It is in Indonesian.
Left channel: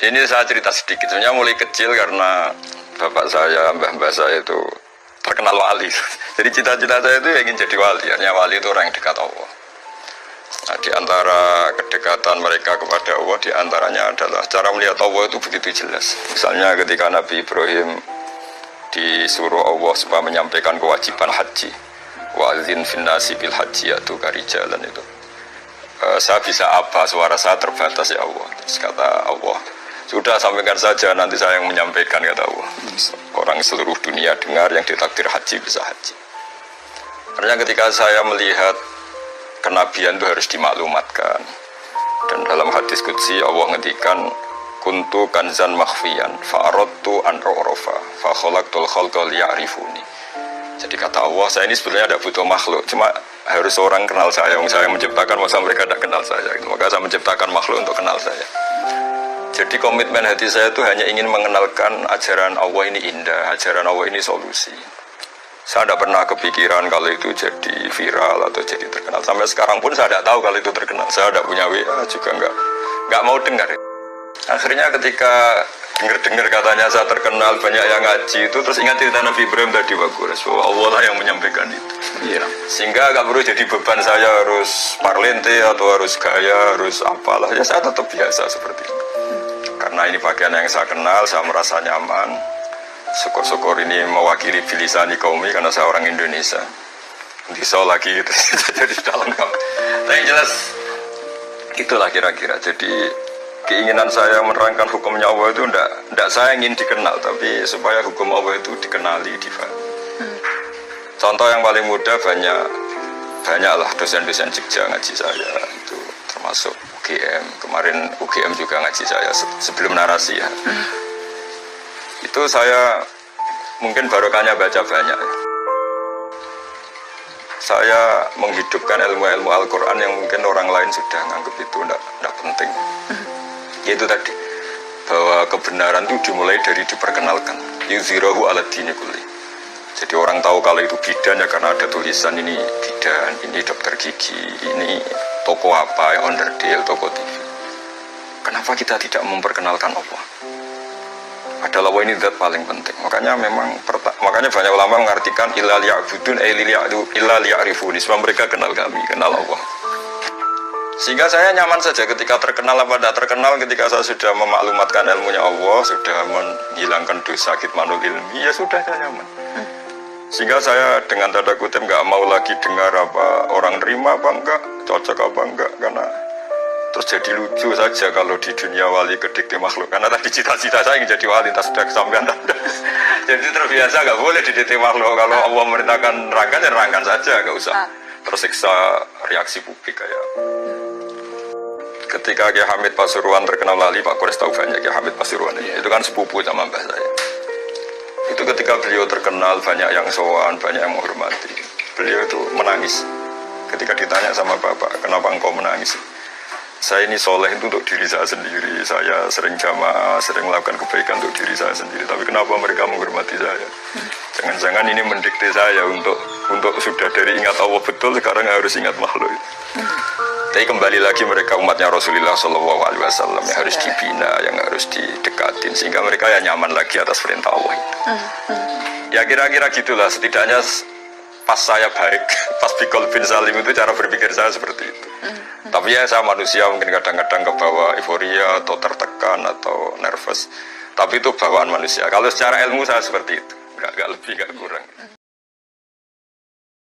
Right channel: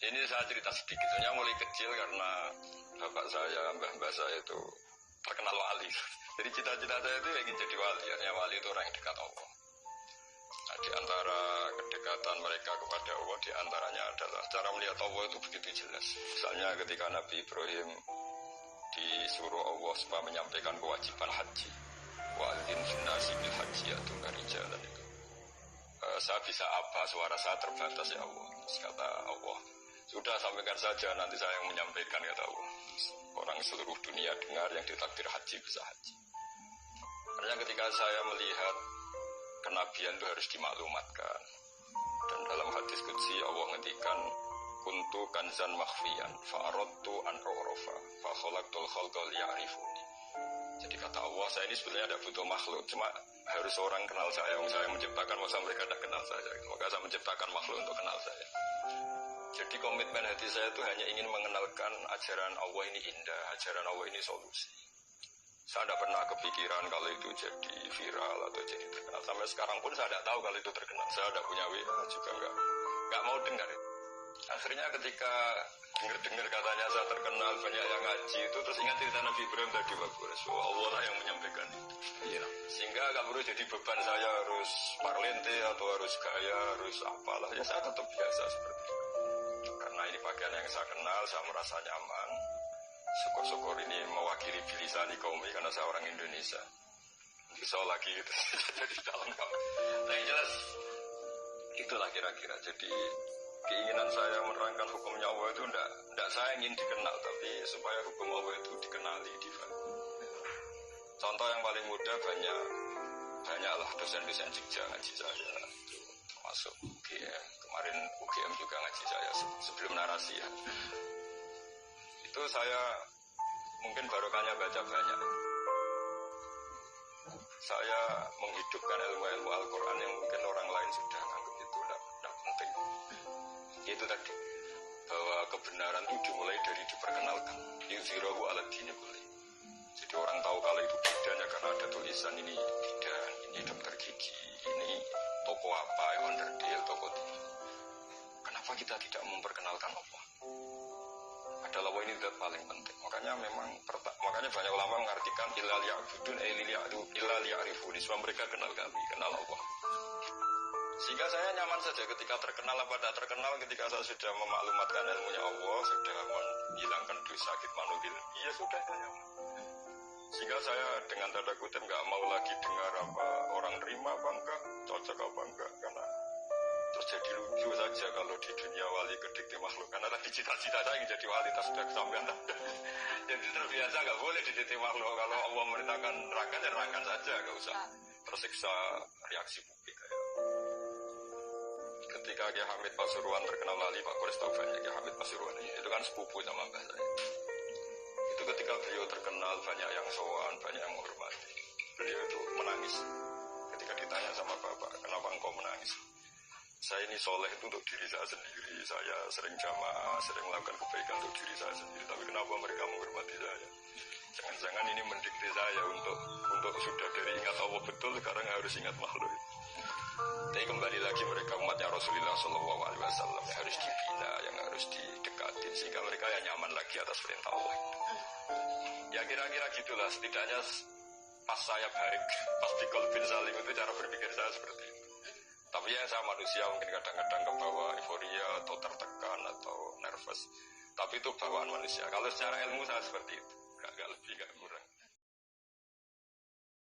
Ini saya cerita sedikit. Sebenarnya mulai kecil karena bapak saya, mbah-mbah saya itu terkenal wali. Jadi cita-cita saya itu ingin jadi wali. Hanya wali itu orang yang dekat Allah. Nah, di antara kedekatan mereka kepada Allah, di antaranya adalah cara melihat Allah itu begitu jelas. Misalnya ketika Nabi Ibrahim disuruh Allah supaya menyampaikan kewajiban haji, wa'adzin finnasi bil haji yaitu karijalan itu. Saya bisa apa, suara saya terbatas ya Allah. Terus kata Allah, sudah sampaikan saja, nanti saya yang menyampaikan, kata Allah. Orang seluruh dunia dengar yang ditakdir haji bisa haji. Karena ketika saya melihat kenabian itu harus dimaklumatkan. Dan dalam hadis qudsi Allah ngendikan kuntu kanzan makhfiyan fa'aradtu an u'rafa fa khalaqtul khalqa liya'rifuni. Jadi kata Allah, saya ini sebenarnya tidak butuh makhluk, cuma harus orang kenal saya. Yang saya menciptakan, masa mereka tidak kenal saya. Maka saya menciptakan makhluk untuk kenal saya. Jadi komitmen hati saya itu hanya ingin mengenalkan ajaran Allah ini indah, ajaran Allah ini solusi. Saya tidak pernah kepikiran kalau itu jadi viral atau jadi terkenal. Sampai sekarang pun saya tidak tahu kalau itu terkenal. Saya tidak punya WA juga nggak mau dengar. Akhirnya ketika dengar katanya saya terkenal, banyak yang ngaji itu, terus ingat cerita Nabi Ibrahim tadi bagus, bahwa Allah lah yang menyampaikan itu. Iya. Sehingga nggak perlu jadi beban saya harus parlente atau harus gaya, harus apalah. Ya saya tetap biasa seperti itu. Karena ini bagian yang saya kenal, saya merasa nyaman. Syukur-syukur ini mewakili bilisani kaumi karena saya orang Indonesia. Bisa lagi gitu, jadi dalam kamu. Tapi yang jelas itulah kira-kira. Jadi keinginan saya menerangkan hukumnya Allah itu tidak saya ingin dikenal, tapi supaya hukum Allah itu dikenali, difahami. Contoh yang paling mudah banyaklah dosen-dosen Jogja ngaji saya itu, termasuk UGM. Kemarin UGM juga ngaji saya sebelum narasi ya. Itu saya mungkin barokahnya baca banyak. Saya menghidupkan ilmu-ilmu Al-Quran yang mungkin orang lain sudah nganggap itu tidak penting. Yaitu tadi, bahwa kebenaran itu dimulai dari diperkenalkan. Yuzhirahu ala dini kulli. Jadi orang tahu kalau itu bidan ya karena ada tulisan ini bidan, ini dokter gigi, ini toko apa, onderdil, toko TV. Kenapa kita tidak memperkenalkan Allah? Adalah ini zat paling penting. Makanya banyak ulama mengartikan illa liya'budun illa liya'rifuni, sebab mereka kenal kami, kenal Allah. Sehingga saya nyaman saja ketika terkenal apa tidak terkenal, ketika saya sudah memaklumatkan ilmunya Allah, sudah menghilangkan dosa kitmanul ilmi, ya sudah saya nyaman. Sehingga saya dengan tanda kutip nggak mau lagi dengar apa orang terima apa enggak, cocok apa enggak, karena terus jadi lucu saja kalau di dunia wali kedikti makhluk. Karena tadi cita-cita saya ingin jadi wali, entah sudah kesampaian tanda. Jadi terbiasa nggak boleh didikti makhluk. Kalau Allah merintahkan nerangkan, ya nerangkan saja, nggak usah tersiksa reaksi publik kayak. Ketika Kiai Hamid Pasuruan terkenal lali, Pak Kores tahu banyak Kiai Hamid Pasuruan ini. Itu kan sepupu sama mbah saya. Itu ketika beliau terkenal, banyak yang sowan, banyak yang menghormati. Beliau itu menangis. Ketika ditanya sama bapak, kenapa engkau menangis? Saya ini soleh itu untuk diri saya sendiri. Saya sering jamaah, sering melakukan kebaikan untuk diri saya sendiri. Tapi kenapa mereka menghormati saya? Jangan-jangan ini mendikte saya untuk sudah dari ingat Allah betul, sekarang harus ingat makhluk. Tapi kembali lagi mereka umatnya Rasulullah SAW yang harus dibina, yang harus didekatin, sehingga mereka ya nyaman lagi atas perintah Allah itu. Ya kira-kira gitulah, setidaknya pas saya baik, pas Bikol bin Salim itu cara berpikir saya seperti itu. Tapi ya saya manusia mungkin kadang-kadang kebawa euforia atau tertekan atau nervous. Tapi itu bawaan manusia. Kalau secara ilmu saya seperti itu, nggak lebih, nggak kurang.